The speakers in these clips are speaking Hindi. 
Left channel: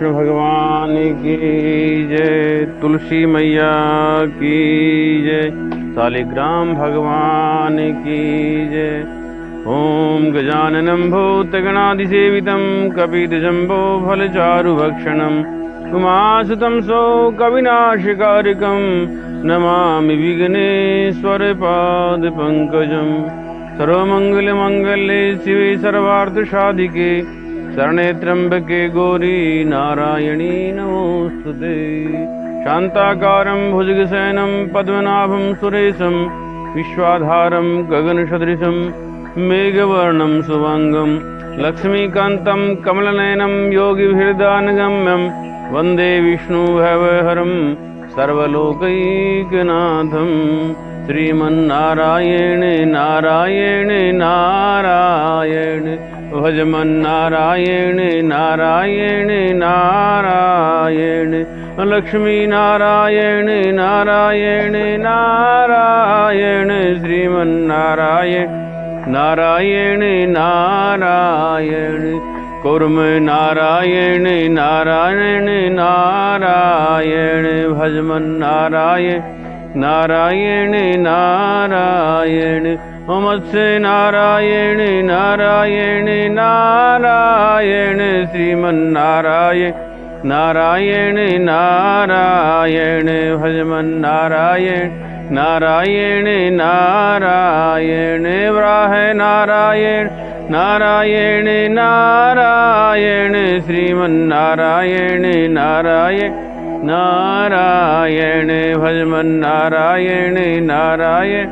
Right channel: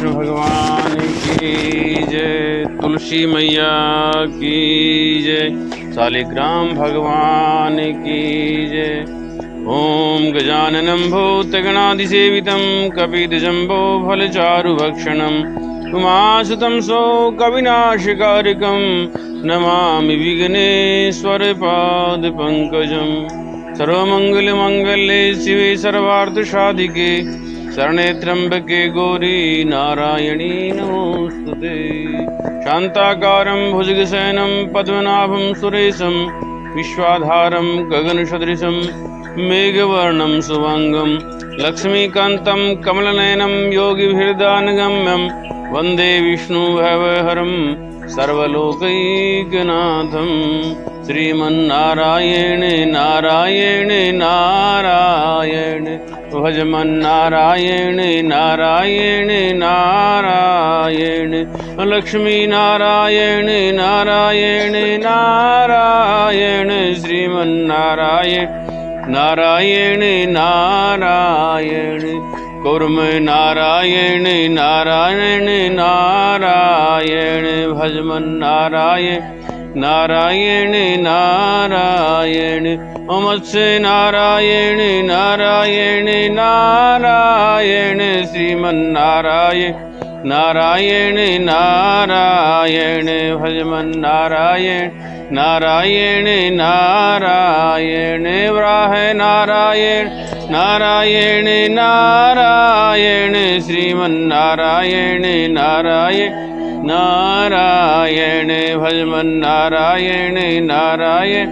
विष्णु भगवान की जय, तुलसी मैया की जय, शालिग्राम भगवान की जय। ओम गजाननं भूतगणाधिसेवितं कपिध्वजम्बो फलचारुभक्षणं उमासुतं शोकविनाशकारिकं नमामि विघ्नेश्वरपादपङ्कजं। सर्वमङ्गलमाङ्गल्ये शिवे सर्वार्थसाधिके शरणे त्र्यंबके गौरी नारायणी नमोस्तुते। शान्ताकारं भुजगशयनं पद्मनाभं सुरेशं विश्वाधारं गगनसदृशं मेघवर्णं शुभांगं लक्ष्मीकान्तं कमलनयनं योगिभिर्दानगम्यं वन्दे विष्णुभवहरं सर्वलोकैकनाथं। श्रीमन्नारायण नारायण नारायण भजमन्नारायण नारायण नारायण लक्ष्मी नारायण नारायण नारायण श्रीमन्नारायण नारायण नारायण कुर्म नारायण नारायण नारायण भजमन्नारायण नारायण नारायण मत्स्य नारायण नारायण नारायण श्रीमन्नारायण नारायण नारायण भजमन्नारायण नारायण नारायण वराह नारायण नारायण नारायण श्रीमन्नारायण नारायण नारायण भजमन्नारायण नारायण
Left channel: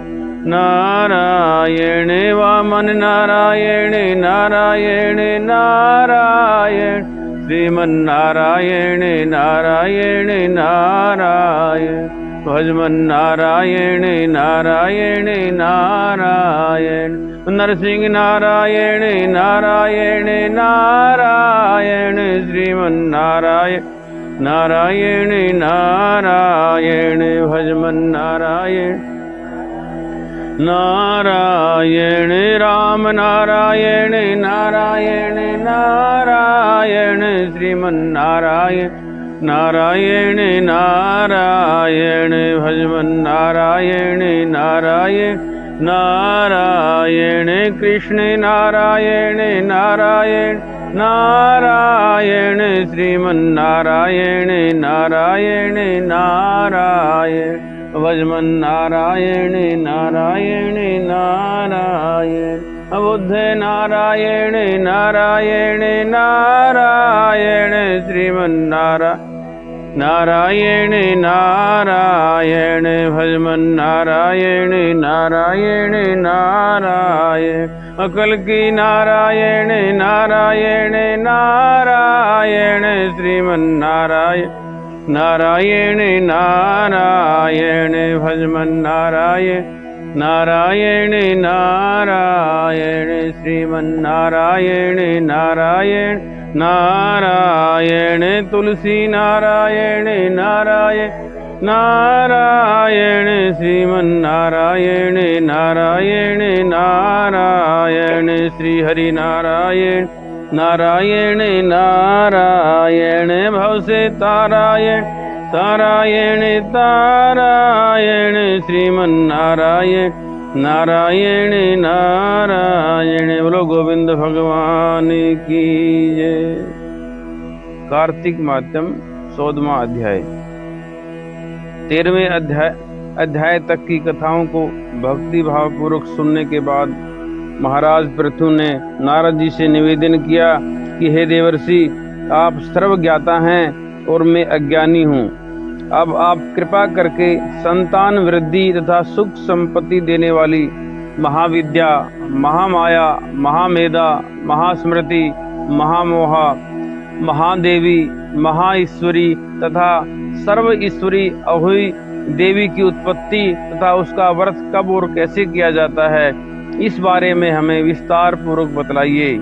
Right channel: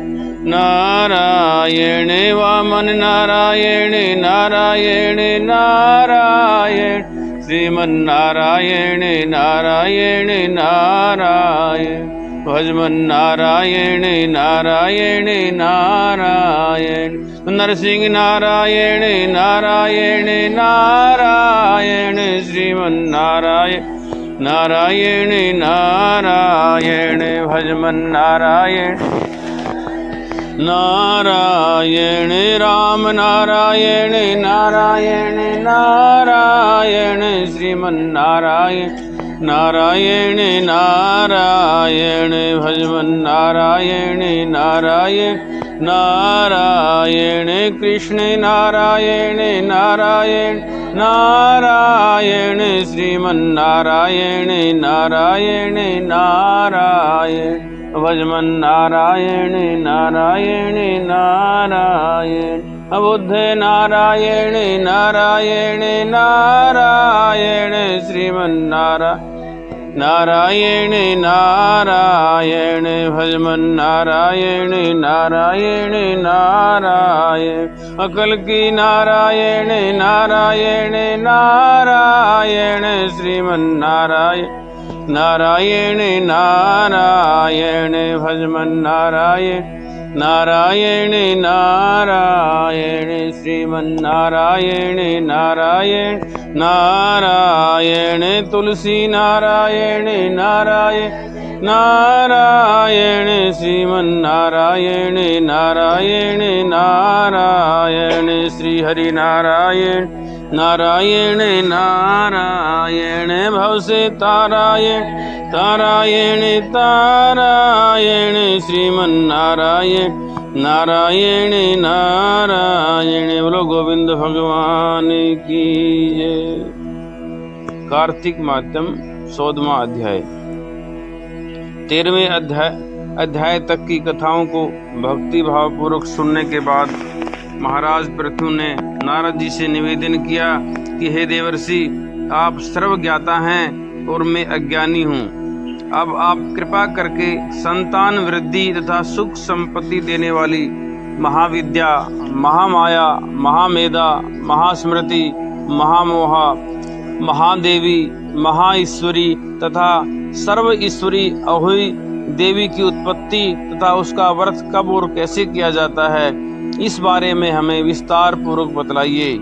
नारायण वामन नारायण नारायण नारायण श्रीमन्नारायण नारायण नारायण भजमन्नारायण नारायण नारायण नरसिंह नारायण नारायण नारायण श्रीमन्नारायण नारायण नारायण भजमन्नारायण नारायण राम नारायण नारायण नारायण श्रीमन्नारायण नारायण नारायण भजमन्नारायण नारायण नारायण कृष्ण नारायण नारायण नारायण श्रीमन्नारायण नारायण नारायण भजमन्नारायण नारायण नारायण बुद्ध नारायण नारायण नारायण श्रीमन्नारायण नारायण नारायण भजमन्नारायण नारायण नारायण अकल की नारायण नारायण नारायण श्रीमन्नारायण नारायण नारायण भजमन्नारायण नारायण नारायण श्रीमन्नारायण नारायण नारायण तुलसी नारायण नारायण नारायण श्रीमन्नारायण नारायण नारायण श्री हरि नारायण नारायण नारायण भव से तारायण तारायण तारायण श्रीमन्नारायण नारायण नारायण। बोलो गोविंद भगवान की जय। कार्तिक मात्यम 14वां अध्याय। 13वें अध्याय तक की कथाओं को भक्ति भाव पूर्वक सुनने के बाद महाराज पृथु ने नारद जी से निवेदन किया कि हे देवर्षि, आप सर्वज्ञाता हैं और मैं अज्ञानी हूँ। अब आप कृपा करके संतान वृद्धि तथा सुख संपत्ति देने वाली महाविद्या, महामाया, महामेधा, महास्मृति, महामोहा, महादेवी, महाईश्वरी तथा सर्व ईश्वरी अहोई देवी की उत्पत्ति तथा उसका व्रत कब और कैसे किया जाता है, इस बारे में हमें विस्तार पूर्वक बतलाइए।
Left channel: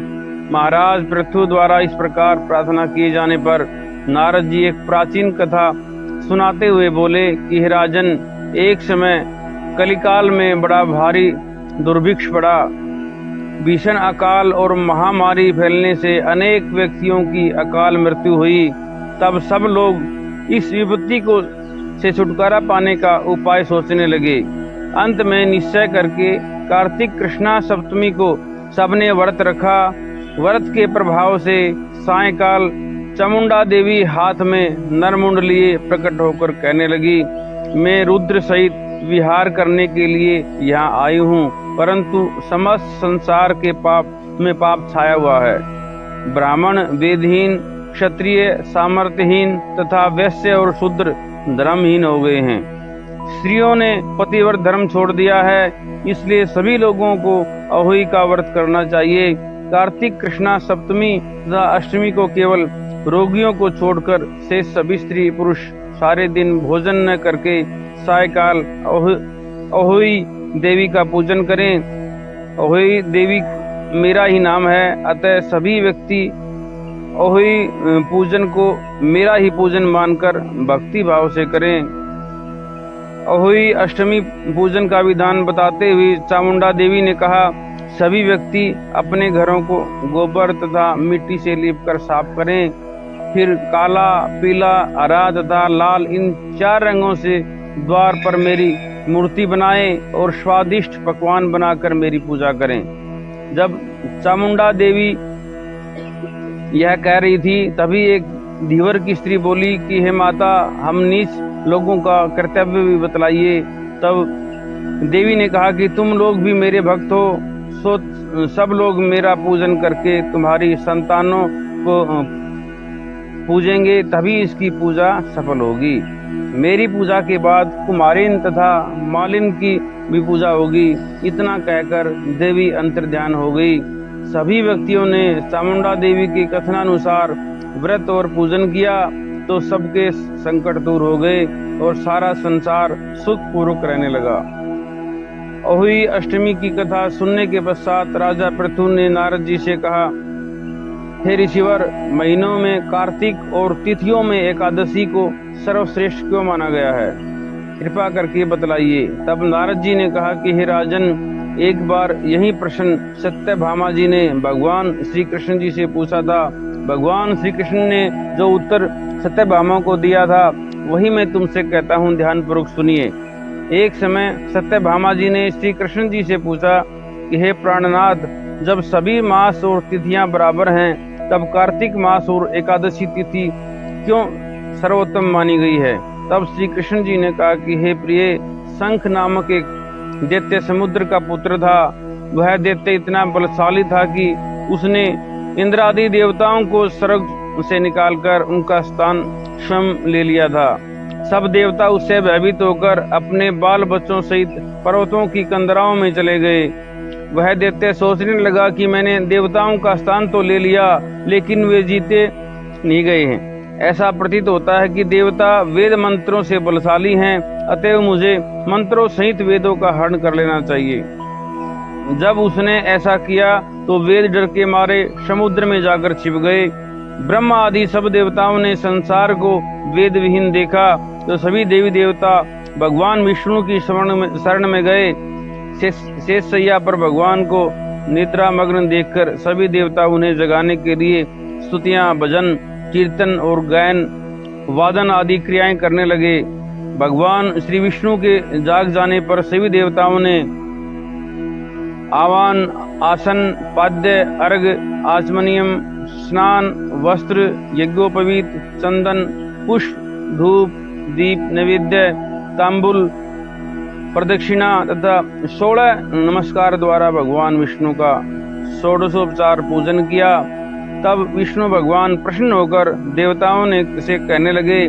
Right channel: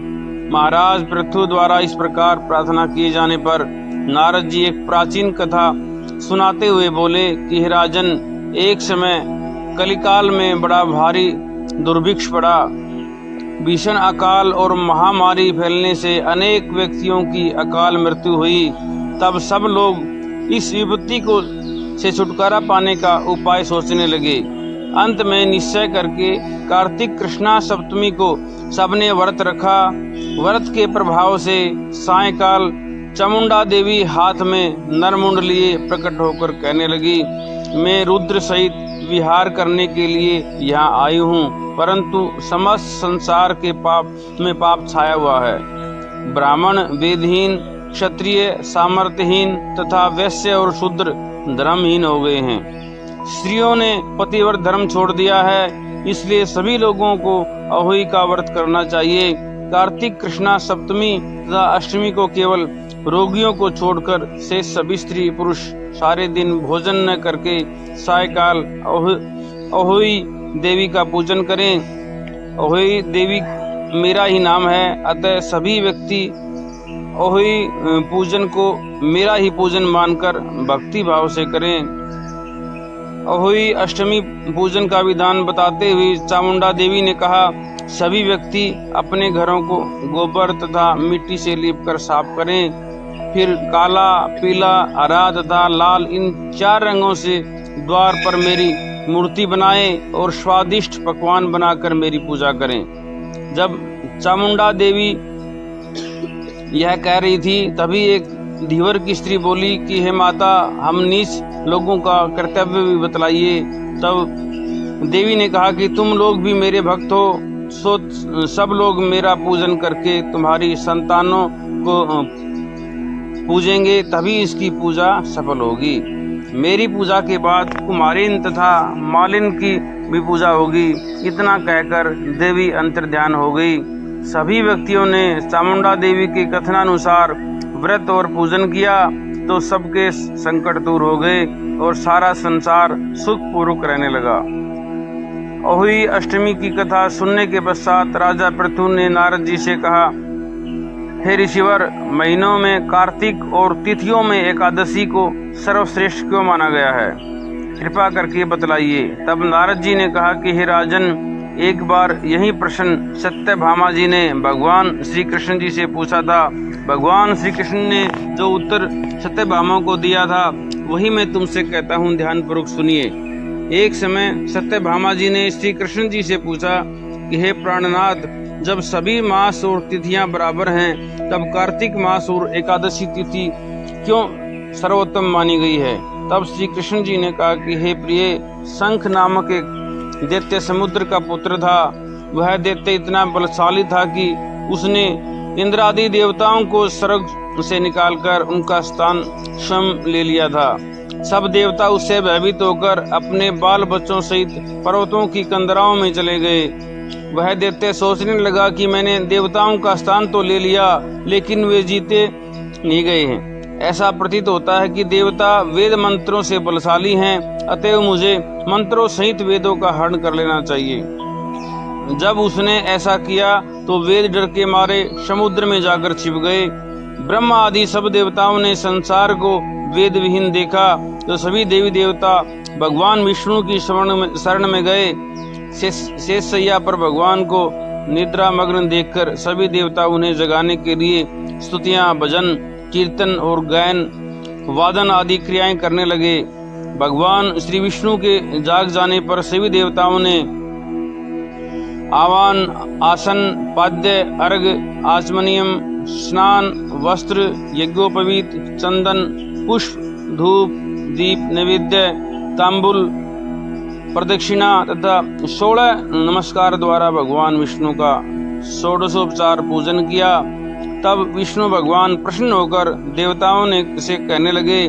महाराज पृथु द्वारा इस प्रकार प्रार्थना किए जाने पर नारद जी एक प्राचीन कथा सुनाते हुए बोले कि हे राजन, एक समय कलिकाल में बड़ा भारी दुर्भिक्ष पड़ा। भीषण अकाल और महामारी फैलने से अनेक व्यक्तियों की अकाल मृत्यु हुई तब सब लोग इस विपत्ति को से छुटकारा पाने का उपाय सोचने लगे। अंत में निश्चय करके कार्तिक कृष्णा सप्तमी को सबने व्रत रखा। व्रत के प्रभाव से सायंकाल चामुंडा देवी हाथ में नरमुंड लिए प्रकट होकर कहने लगी, मैं रुद्र सहित विहार करने के लिए यहाँ आई हूँ, परंतु समस्त संसार के पाप में पाप छाया हुआ है। ब्राह्मण वेदहीन, क्षत्रिय सामर्थ्यहीन तथा वैश्य और शूद्र धर्महीन हो गए हैं। स्त्रियों ने पतिव्रत धर्म छोड़ दिया है, इसलिए सभी लोगों को अहोई का व्रत करना चाहिए। कार्तिक कृष्णा सप्तमी तथा अष्टमी को केवल रोगियों को छोड़कर शेष सभी स्त्री पुरुष सारे दिन भोजन न करके सायकाल अहोई देवी का पूजन करें। अहोई देवी मेरा ही नाम है, अतः सभी व्यक्ति अहोई पूजन को मेरा ही पूजन मानकर भक्ति भाव से करें। अहोई अष्टमी पूजन का विधान बताते हुए चामुंडा देवी ने कहा, सभी व्यक्ति अपने घरों को गोबर तथा मिट्टी से लीपकर साफ करें, फिर काला, पीला, हरा तथा लाल इन 4 रंगों से द्वार पर मेरी मूर्ति बनाएं और स्वादिष्ट पकवान बनाकर मेरी पूजा करें। जब चामुंडा देवी यह कह रही थी, तभी एक धीवर की स्त्री बोली कि हे माता, हम नीच लोगों का कर्तव्य भी बतलाइए। तब देवी ने कहा कि तुम लोग भी मेरे भक्त हो, सो सब लोग मेरा पूजन करके तुम्हारी संतानों को पूजेंगे, तभी इसकी पूजा सफल होगी। मेरी पूजा के बाद कुमारिन तथा मालिन की भी पूजा होगी। इतना कहकर देवी अंतर्ध्यान हो गई। सभी व्यक्तियों ने चामुंडा देवी के कथनानुसार व्रत और पूजन किया तो सबके संकट दूर हो गए और सारा संसार सुखपूर्वक रहने लगा। अहोई अष्टमी की कथा सुनने के पश्चात राजा पृथु ने नारद जी से कहा, हे ऋषिवर, महीनों में कार्तिक और तिथियों में एकादशी को सर्वश्रेष्ठ क्यों माना गया है? कृपा करके बतलाइए। तब नारद जी ने कहा कि हे राजन, एक बार यही प्रश्न सत्यभामा जी ने भगवान श्री कृष्ण जी से पूछा था। भगवान श्री कृष्ण ने जो उत्तर सत्यभामा को दिया था वही मैं तुमसे कहता हूँ, ध्यानपूर्वक सुनिए। एक समय सत्यभामा जी ने श्री कृष्ण जी से पूछा कि हे प्राणनाथ, जब सभी मास और तिथियां बराबर हैं, तब कार्तिक मास और एकादशी तिथि क्यों सर्वोत्तम मानी गई है? तब श्री कृष्ण जी ने कहा कि हे प्रिय, शंख नामक एक दैत्य समुद्र का पुत्र था। वह दैत्य इतना बलशाली था कि उसने इंद्र आदि देवताओं को स्वर्ग से निकालकर उनका स्थान स्वयं ले लिया था। सब देवता उससे भयभीत होकर अपने बाल बच्चों सहित पर्वतों की कंदराओं में चले गए। वह दैत्य सोचने लगा कि मैंने देवताओं का स्थान तो ले लिया, लेकिन वे जीते नहीं गए हैं। ऐसा प्रतीत होता है कि देवता वेद मंत्रों से बलशाली हैं, अतएव मुझे मंत्रों सहित वेदों का हरण कर लेना चाहिए। जब उसने ऐसा किया तो वेद डर के मारे समुद्र में जाकर छिप गए। ब्रह्मा आदि सब देवताओं ने संसार को वेद विहीन देखा तो सभी देवी देवता भगवान विष्णु की शरण में गए। शेष सैया पर भगवान को निद्रा मग्न देखकर सभी देवता उन्हें जगाने के लिए स्तुतियां, भजन, कीर्तन और गायन, वादन आदि क्रियाएं करने लगे। भगवान श्री विष्णु के जाग जाने पर सभी देवताओं ने आवान, आसन, पाद्य, अर्घ, आचमनियम, स्नान, वस्त्र, यज्ञोपवीत, चंदन, पुष्प, धूप, दीप, नैवेद्य, तांबुल, प्रदक्षिणा तथा 16 नमस्कार द्वारा भगवान विष्णु का षोडशोपचार पूजन किया। तब विष्णु भगवान प्रसन्न होकर देवताओं ने से कहने लगे,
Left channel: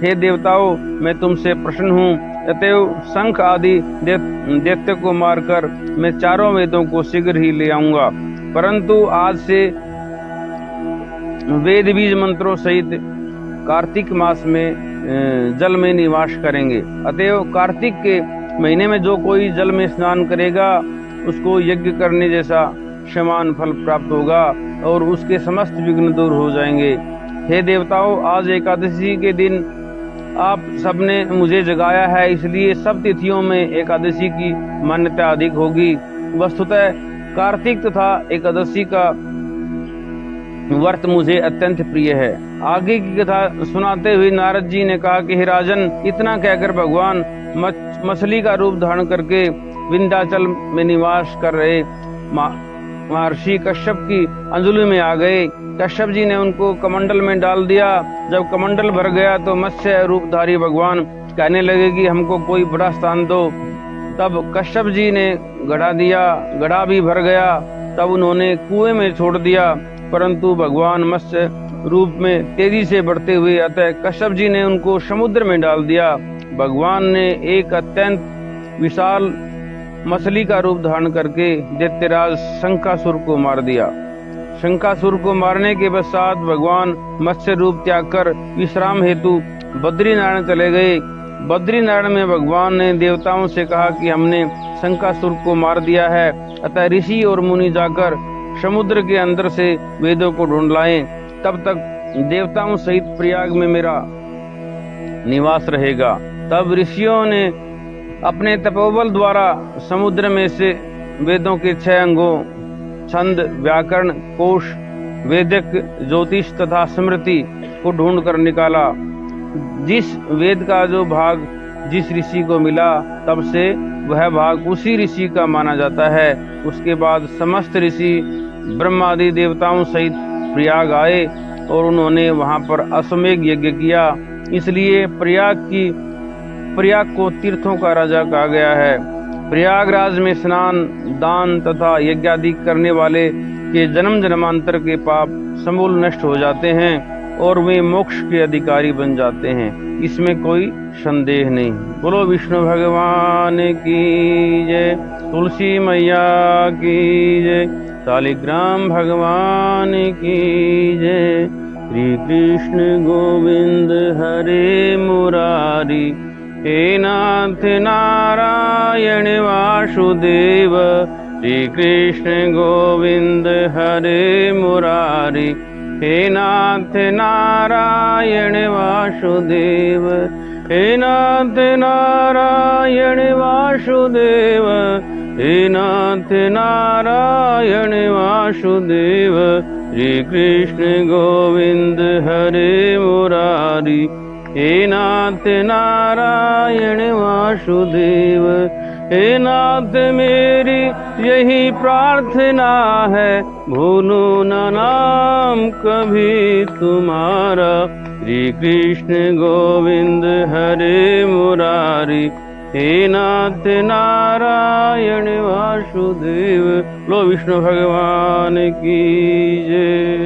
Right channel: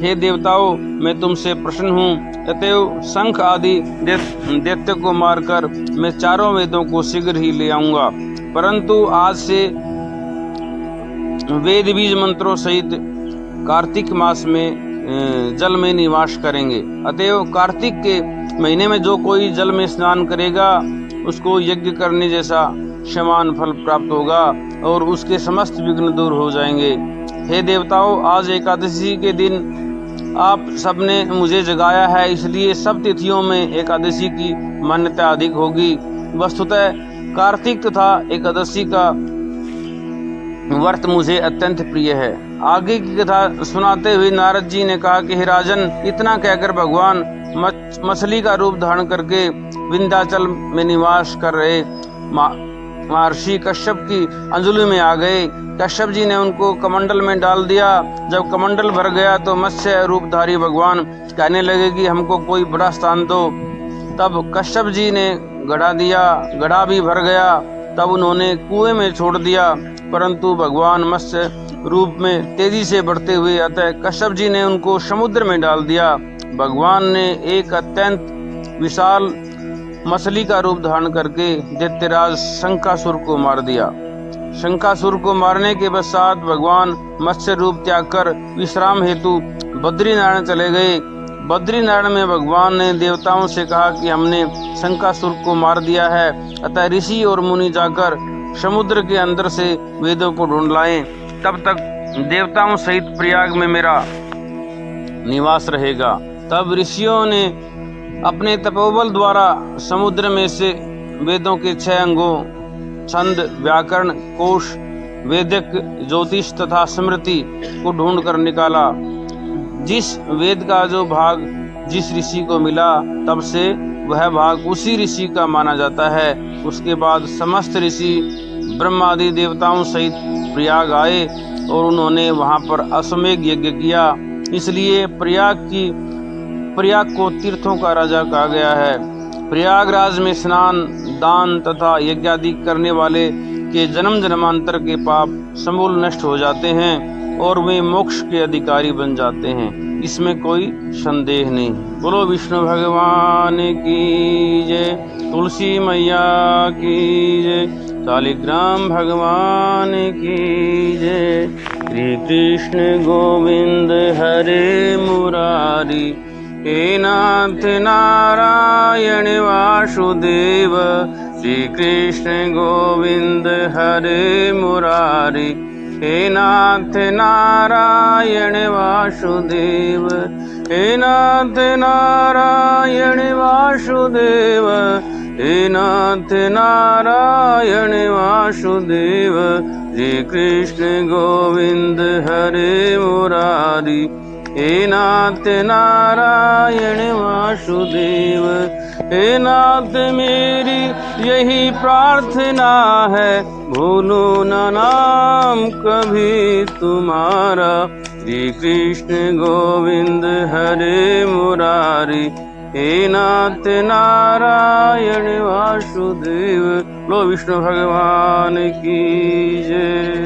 हे देवताओं, मैं तुमसे प्रसन्न हूँ, अतएव शंख आदि दैत्य को मारकर मैं चारों वेदों को शीघ्र ही ले आऊंगा, परंतु आज से वेद बीज मंत्रों सहित कार्तिक मास में जल में निवास करेंगे। अतएव कार्तिक के महीने में जो कोई जल में स्नान करेगा उसको यज्ञ करने जैसा समान फल प्राप्त होगा और उसके समस्त विघ्न दूर हो जाएंगे। हे देवताओं, आज एकादशी के दिन आप सबने मुझे जगाया है, इसलिए सब तिथियों में एकादशी की मान्यता अधिक होगी। वस्तुतः कार्तिक तथा एकादशी का व्रत मुझे अत्यंत प्रिय है। आगे की कथा सुनाते हुए नारद जी ने कहा कि हे राजन, इतना कहकर भगवान मछली का रूप धारण करके विंध्याचल में निवास कर रहे महर्षि कश्यप की अंजलि में आ गए। कश्यप जी ने उनको कमंडल में डाल दिया। जब कमंडल भर गया तो मत्स्य रूपधारी भगवान कहने लगे कि हमको कोई बड़ा स्थान दो। तब कश्यप जी ने गड़ा दिया, गड़ा भी भर गया। तब उन्होंने कुएं में छोड़ दिया, परंतु भगवान मत्स्य रूप में तेजी से बढ़ते हुए अतः कश्यप जी ने उनको समुद्र में डाल दिया। भगवान ने एक अत्यंत विशाल मछली का रूप धारण करके दैत्यराज शंकासुर को मार दिया। शंकासुर को मारने के पश्चात भगवान मत्स्य रूप त्याग कर विश्राम हेतु बद्रीनारायण चले गए। बद्रीनारायण में भगवान ने देवताओं से कहा कि हमने शंकासुर को मार दिया है, अतः ऋषि और मुनि जाकर समुद्र के अंदर से वेदों को ढूंढ लाएं, तब तक देवताओं सहित प्रयाग में मेरा निवास रहेगा। तब ऋषियों ने अपने तपोबल द्वारा समुद्र में से वेदों के 6 अंगों छंद, व्याकरण, कोश, वेदिक, ज्योतिष तथा स्मृति को ढूंढ कर निकाला। जिस वेद का जो भाग जिस ऋषि को मिला, तब से वह भाग उसी ऋषि का माना जाता है। उसके बाद समस्त ऋषि ब्रह्मादि देवताओं सहित प्रयाग आए और उन्होंने वहां पर अश्वमेध यज्ञ किया। इसलिए प्रयाग को तीर्थों का राजा कहा गया है। प्रयागराज में स्नान, दान तथा यज्ञ आदि करने वाले के जन्म जन्मांतर के पाप समूल नष्ट हो जाते हैं और वे मोक्ष के अधिकारी बन जाते हैं, इसमें कोई संदेह नहीं। बोलो विष्णु भगवान की जय, तुलसी मैया की जय, शालिग्राम भगवान की जय। श्री कृष्ण गोविंद हरे मुरारी, हे नाथ नारायण वासुदेव। श्री कृष्ण गोविंद हरे मुरारी, हे नाथ नारायण वासुदेव। हे नाथ नारायण वासुदेव, हे नाथ नारायण वासुदेव। श्री कृष्ण गोविंद हरे मुरारी, हे नाथ नारायण वासुदेव। हे नाथ मेरी यही प्रार्थना है, भूलो न नाम कभी तुम्हारा। श्री कृष्ण गोविंद हरे मुरारी, हे नाथ नारायण वासुदेव। लो विष्णु भगवान की जय।